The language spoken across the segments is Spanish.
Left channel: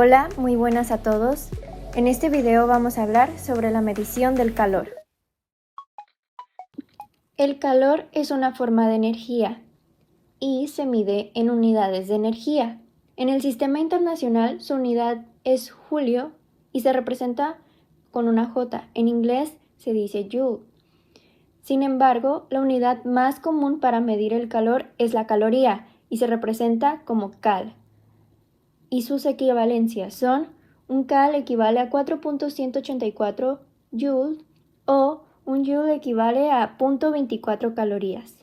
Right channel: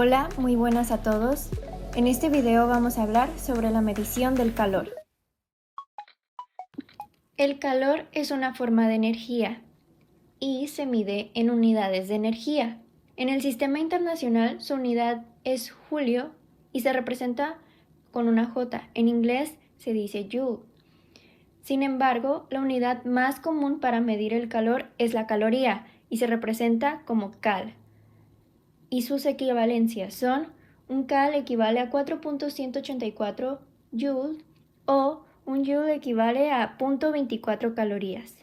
Hola, muy buenas a todos. En este video vamos a hablar sobre la medición del calor. El calor es una forma de energía y se mide en unidades de energía. En el sistema internacional su unidad es Julio y se representa con una J. En inglés se dice Joule. Sin embargo, la unidad más común para medir el calor es la caloría y se representa como cal. Y sus equivalencias son: un cal equivale a 4.184 joules o un joule equivale a 0.24 calorías.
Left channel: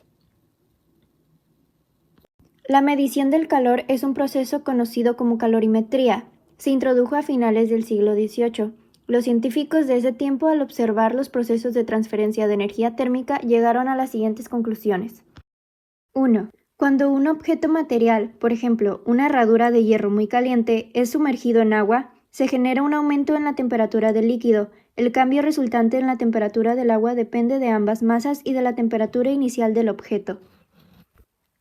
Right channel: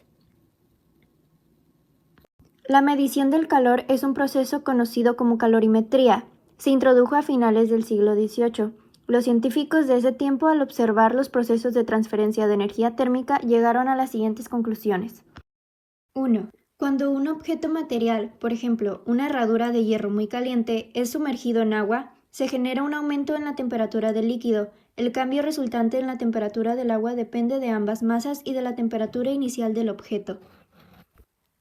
La medición del calor es un proceso conocido como calorimetría. Se introdujo a finales del siglo XVIII. Los científicos de ese tiempo, al observar los procesos de transferencia de energía térmica, llegaron a las siguientes conclusiones. 1. Cuando un objeto material, por ejemplo, una herradura de hierro muy caliente, es sumergido en agua, se genera un aumento en la temperatura del líquido. El cambio resultante en la temperatura del agua depende de ambas masas y de la temperatura inicial del objeto.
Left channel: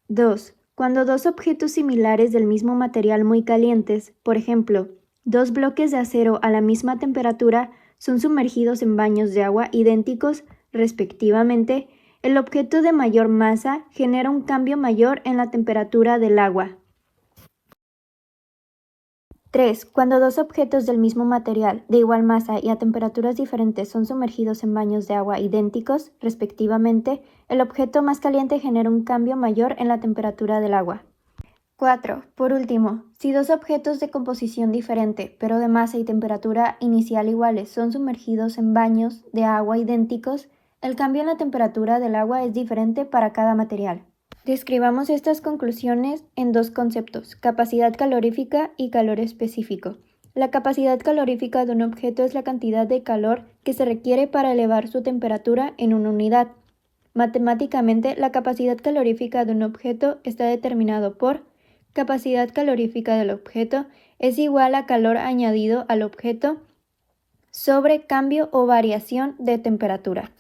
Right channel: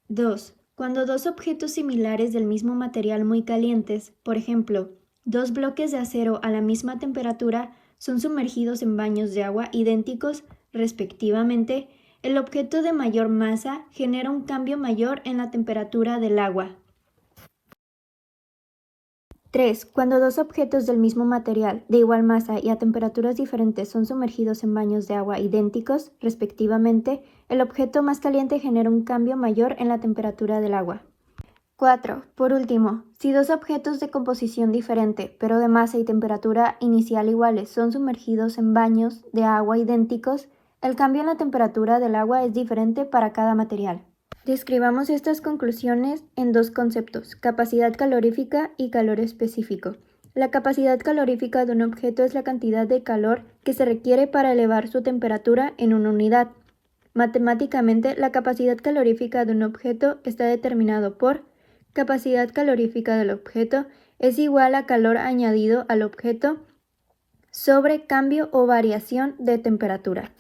2. Cuando dos objetos similares del mismo material muy calientes, por ejemplo, dos bloques de acero a la misma temperatura, son sumergidos en baños de agua idénticos, respectivamente, el objeto de mayor masa genera un cambio mayor en la temperatura del agua. 3. Cuando dos objetos del mismo material, de igual masa y a temperaturas diferentes son sumergidos en baños de agua idénticos, respectivamente, el objeto más caliente genera un cambio mayor en la temperatura del agua. 4. Por último, si dos objetos de composición diferente, pero de masa y temperatura inicial iguales, son sumergidos en baños de agua idénticos, el cambio en la temperatura del agua es diferente para cada material. Describamos estas conclusiones en dos conceptos: capacidad calorífica y calor específico. La capacidad calorífica de un objeto es la cantidad de calor que se requiere para elevar su temperatura en una unidad. Matemáticamente, la capacidad calorífica de un objeto está determinado por capacidad calorífica del objeto es igual a calor añadido al objeto sobre cambio o variación de temperatura.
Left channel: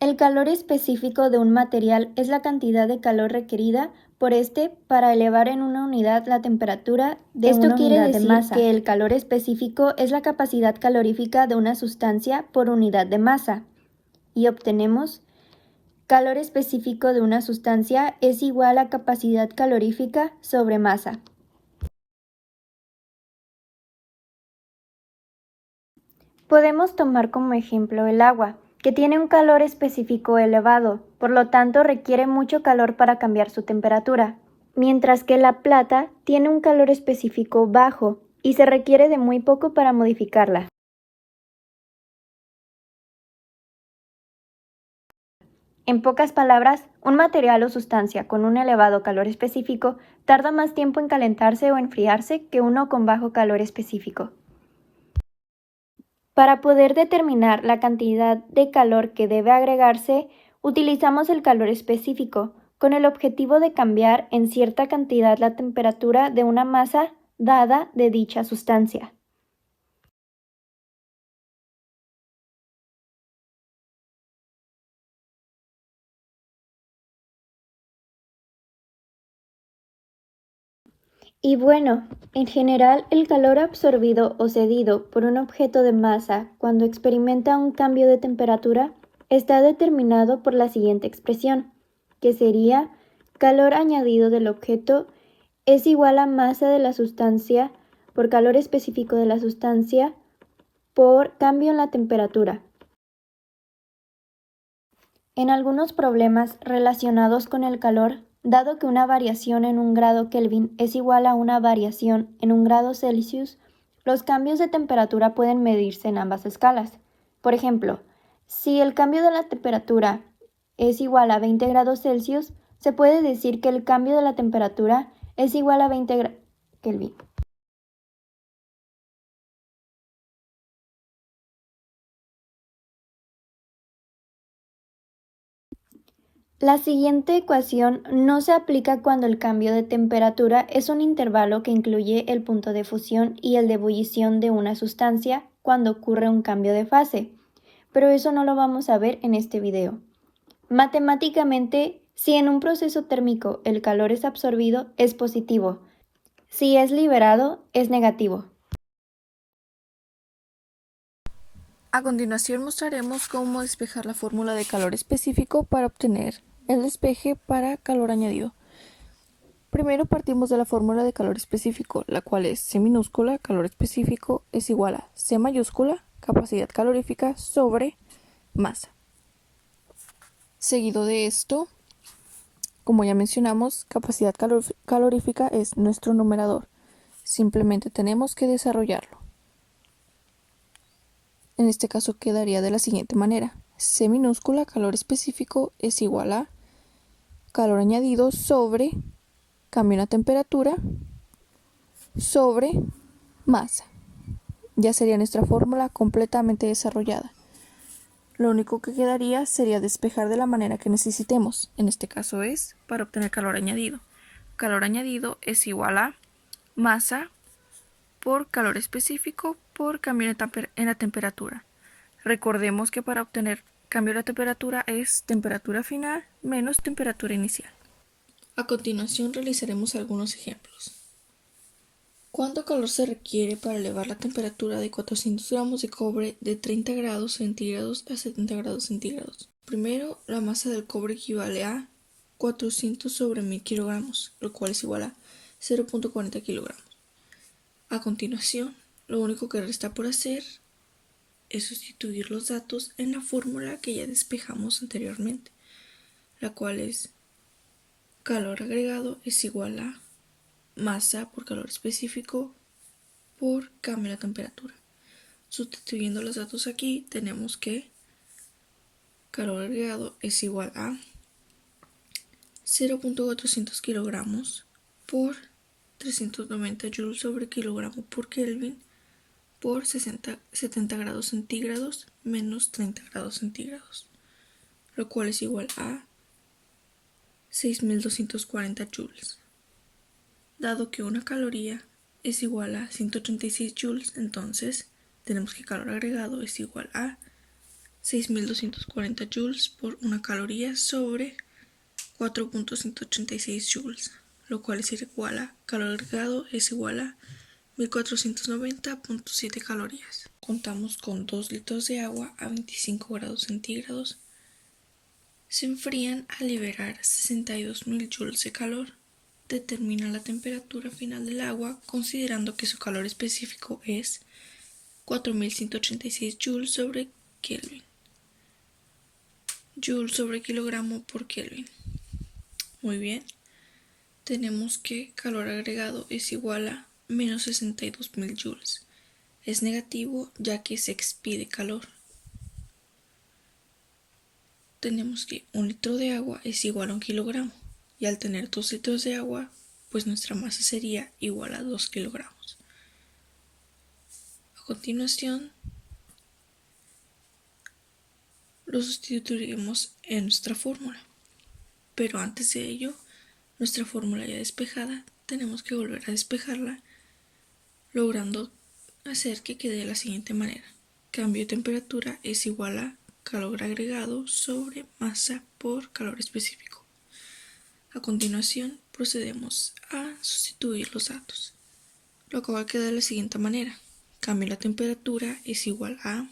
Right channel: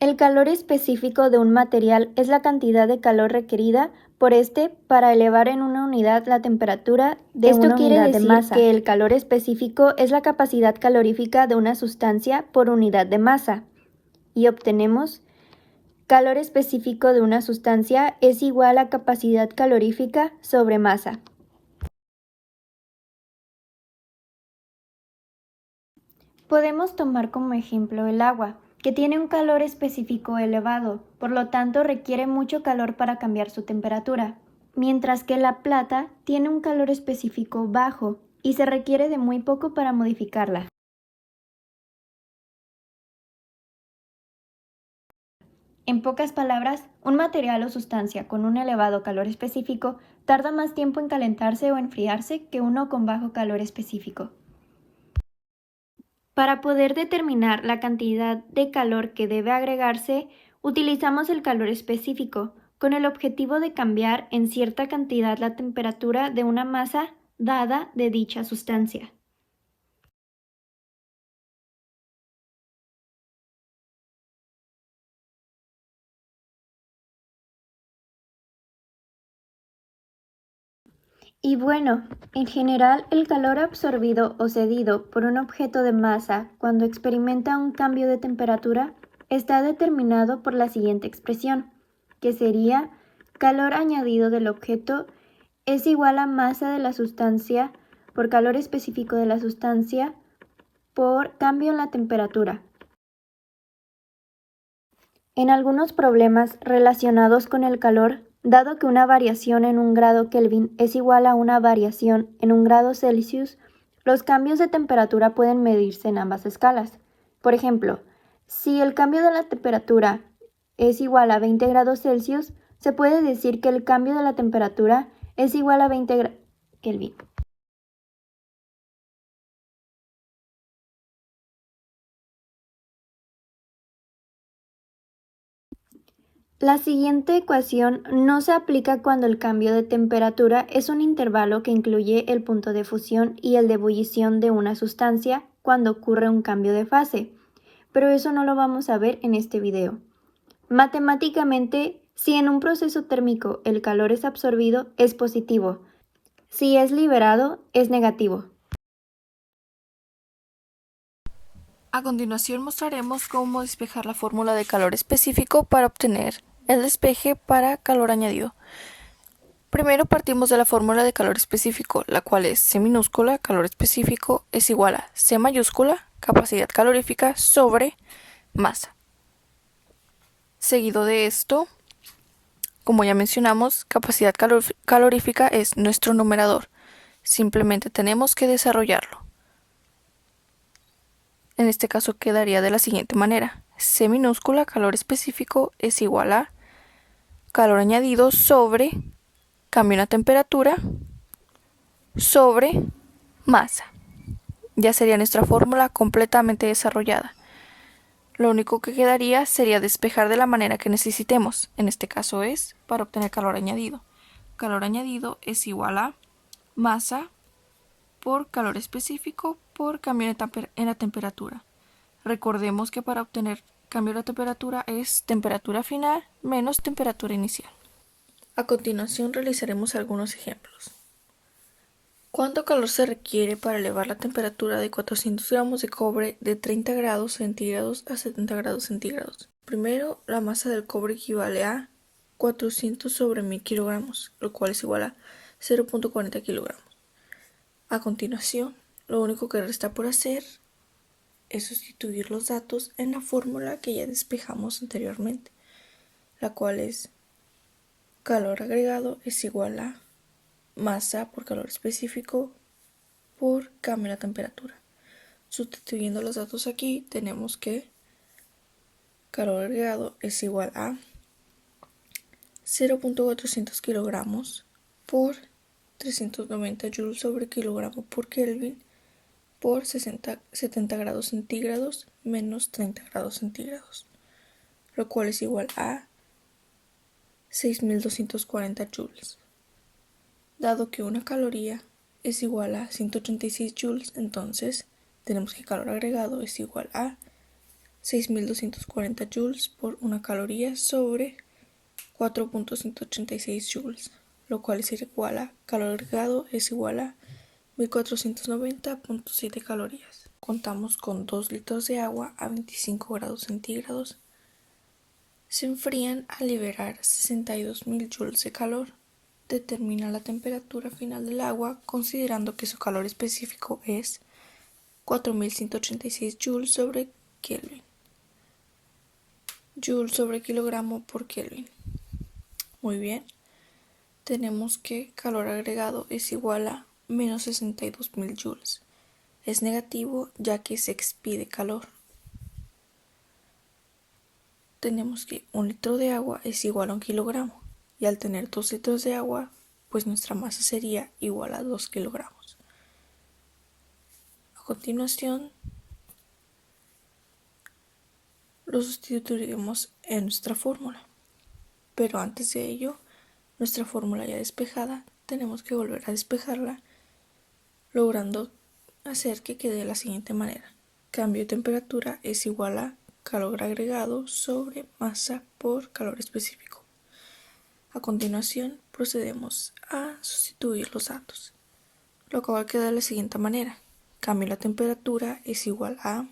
El calor específico de un material es la cantidad de calor requerida por este para elevar en una unidad la temperatura de una unidad de masa. Esto quiere decir que el calor específico es la capacidad calorífica de una sustancia por unidad de masa. Y obtenemos: calor específico de una sustancia es igual a capacidad calorífica sobre masa. Podemos tomar como ejemplo el agua, que tiene un calor específico elevado, por lo tanto requiere mucho calor para cambiar su temperatura, mientras que la plata tiene un calor específico bajo y se requiere de muy poco para modificarla. En pocas palabras, un material o sustancia con un elevado calor específico tarda más tiempo en calentarse o enfriarse que uno con bajo calor específico. Para poder determinar la cantidad de calor que debe agregarse, utilizamos el calor específico, con el objetivo de cambiar en cierta cantidad la temperatura de una masa dada de dicha sustancia. Y bueno, en general, el calor absorbido o cedido por un objeto de masa cuando experimenta un cambio de temperatura está determinado por la siguiente expresión, que sería: calor añadido del objeto es igual a masa de la sustancia por calor específico de la sustancia por cambio en la temperatura. En algunos problemas relacionados con el calor, dado que una variación en un grado Kelvin es igual a una variación en un grado Celsius, los cambios de temperatura pueden medirse en ambas escalas. Por ejemplo, si el cambio de la temperatura es igual a 20 grados Celsius, se puede decir que el cambio de la temperatura es igual a 20 grados Kelvin. La siguiente ecuación no se aplica cuando el cambio de temperatura es un intervalo que incluye el punto de fusión y el de ebullición de una sustancia cuando ocurre un cambio de fase, pero eso no lo vamos a ver en este video. Matemáticamente, Si en un proceso térmico el calor es absorbido, es positivo. Si es liberado, es negativo. A continuación mostraremos cómo despejar la fórmula de calor específico para obtener el despeje para calor añadido. Primero partimos de la fórmula de calor específico, la cual es C minúscula, calor específico, es igual a C mayúscula, capacidad calorífica, sobre masa. Seguido de esto, como ya mencionamos, capacidad calorífica es nuestro numerador. Simplemente tenemos que desarrollarlo. En este caso quedaría de la siguiente manera. C minúscula, calor específico, es igual a calor añadido sobre cambio en la temperatura sobre masa. Ya sería nuestra fórmula completamente desarrollada. Lo único que quedaría sería despejar de la manera que necesitemos. En este caso es para obtener calor añadido. Calor añadido es igual a masa por calor específico por cambio en la temperatura. Recordemos que para obtener cambio de la temperatura es temperatura final menos temperatura inicial. A continuación realizaremos algunos ejemplos. ¿Cuánto calor se requiere para elevar la temperatura de 400 gramos de cobre de 30 grados centígrados a 70 grados centígrados? Primero, la masa del cobre equivale a 400 sobre 1000 kilogramos, lo cual es igual a 0.40 kilogramos. A continuación, lo único que resta por hacer es sustituir los datos en la fórmula que ya despejamos anteriormente, la cual es calor agregado es igual a masa por calor específico por cambio de la temperatura. Sustituyendo los datos aquí, tenemos que calor agregado es igual a 0.400 kilogramos por 390 joules sobre kilogramo por Kelvin por 70 grados centígrados menos 30 grados centígrados, lo cual es igual a 6240 joules. Dado que una caloría es igual a 186 joules, entonces tenemos que calor agregado es igual a 6240 joules por una caloría sobre 4.186 joules, lo cual es igual a calor agregado es igual a 1490.7 calorías. Contamos con 2 litros de agua a 25 grados centígrados. Se enfrían al liberar 62.000 joules de calor. Determina la temperatura final del agua considerando que su calor específico es 4186 joules sobre Kelvin. Joule sobre kilogramo por Kelvin. Muy bien. Tenemos que calor agregado es igual a menos 62.000 joules. Es negativo ya que se expide calor. Tenemos que 1 litro de agua es igual a 1 kilogramo. Y al tener 2 litros de agua, pues nuestra masa sería igual a 2 kilogramos. A continuación, lo sustituiremos en nuestra fórmula. Pero antes de ello, nuestra fórmula ya despejada, tenemos que volver a despejarla, logrando hacer que quede de la siguiente manera. Cambio de temperatura es igual a calor agregado sobre masa por calor específico. A continuación, procedemos a sustituir los datos, lo cual queda de la siguiente manera. Cambio de la temperatura es igual a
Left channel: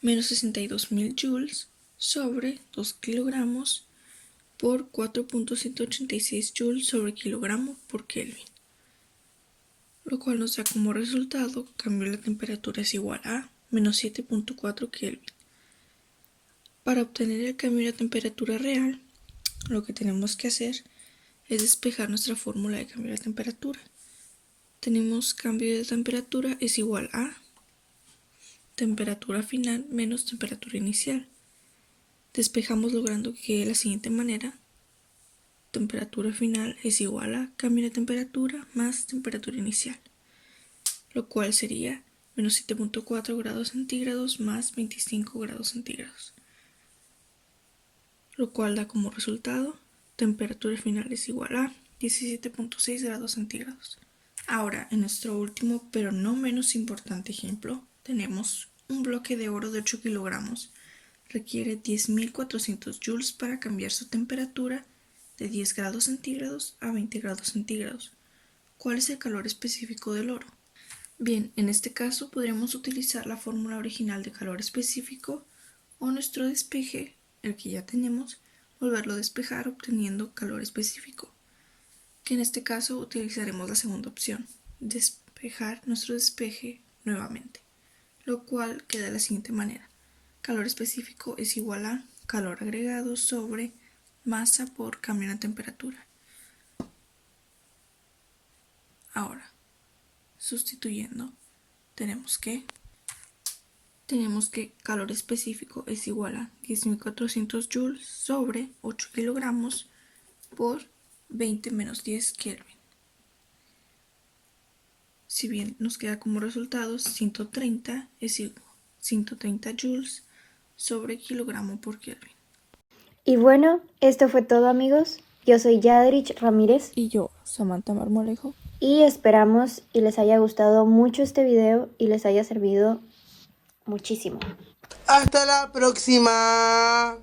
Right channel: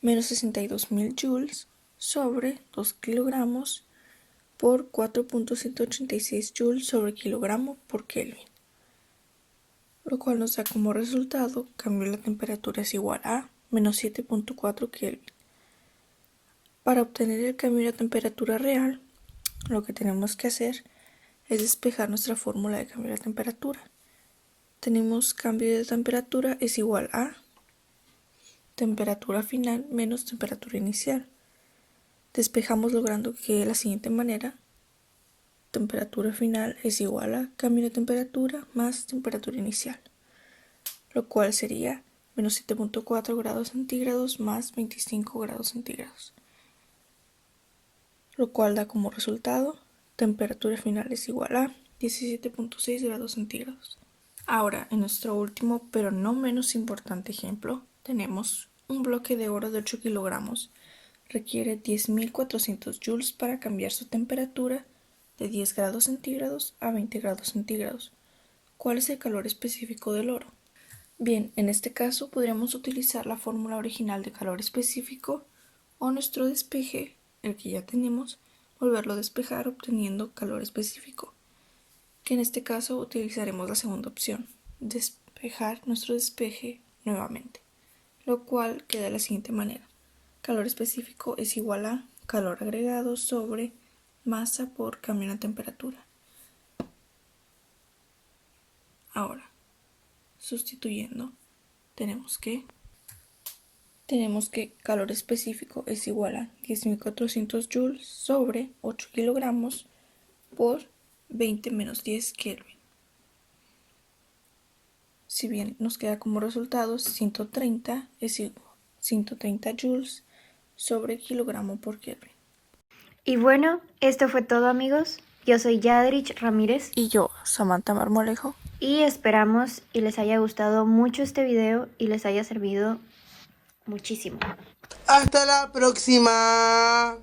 menos 62.000 joules sobre 2 kilogramos por 4.186 joules sobre kilogramo por Kelvin, lo cual nos da como resultado cambio de la temperatura es igual a menos 7.4 Kelvin. Para obtener el cambio de la temperatura real, lo que tenemos que hacer es despejar nuestra fórmula de cambio de la temperatura. Tenemos cambio de temperatura es igual a temperatura final menos temperatura inicial. Despejamos logrando que de la siguiente manera: temperatura final es igual a cambio de temperatura más temperatura inicial, lo cual sería menos 7.4 grados centígrados más 25 grados centígrados, lo cual da como resultado temperatura final es igual a 17.6 grados centígrados. Ahora, en nuestro último pero no menos importante ejemplo, tenemos un bloque de oro de 8 kilogramos, requiere 10.400 joules para cambiar su temperatura de 10 grados centígrados a 20 grados centígrados. ¿Cuál es el calor específico del oro? Bien, en este caso podríamos utilizar la fórmula original de calor específico o nuestro despeje, el que ya tenemos, volverlo a despejar obteniendo calor específico, que en este caso utilizaremos la segunda opción, despejar nuestro despeje nuevamente, lo cual queda de la siguiente manera. Calor específico es igual a calor agregado sobre masa por cambio en la temperatura. Ahora, sustituyendo, tenemos que calor específico es igual a 10.400 joules sobre 8 kilogramos por 20 menos 10 Kelvin. Si bien nos queda como resultados 130 es igual a 130 joules sobre kilogramo por Kelvin. Y bueno, esto fue todo, amigos. Yo soy Yadrich Ramírez. Y yo, Samantha Marmolejo. Y esperamos y les haya gustado mucho este video y les haya servido muchísimo. Hasta la próxima.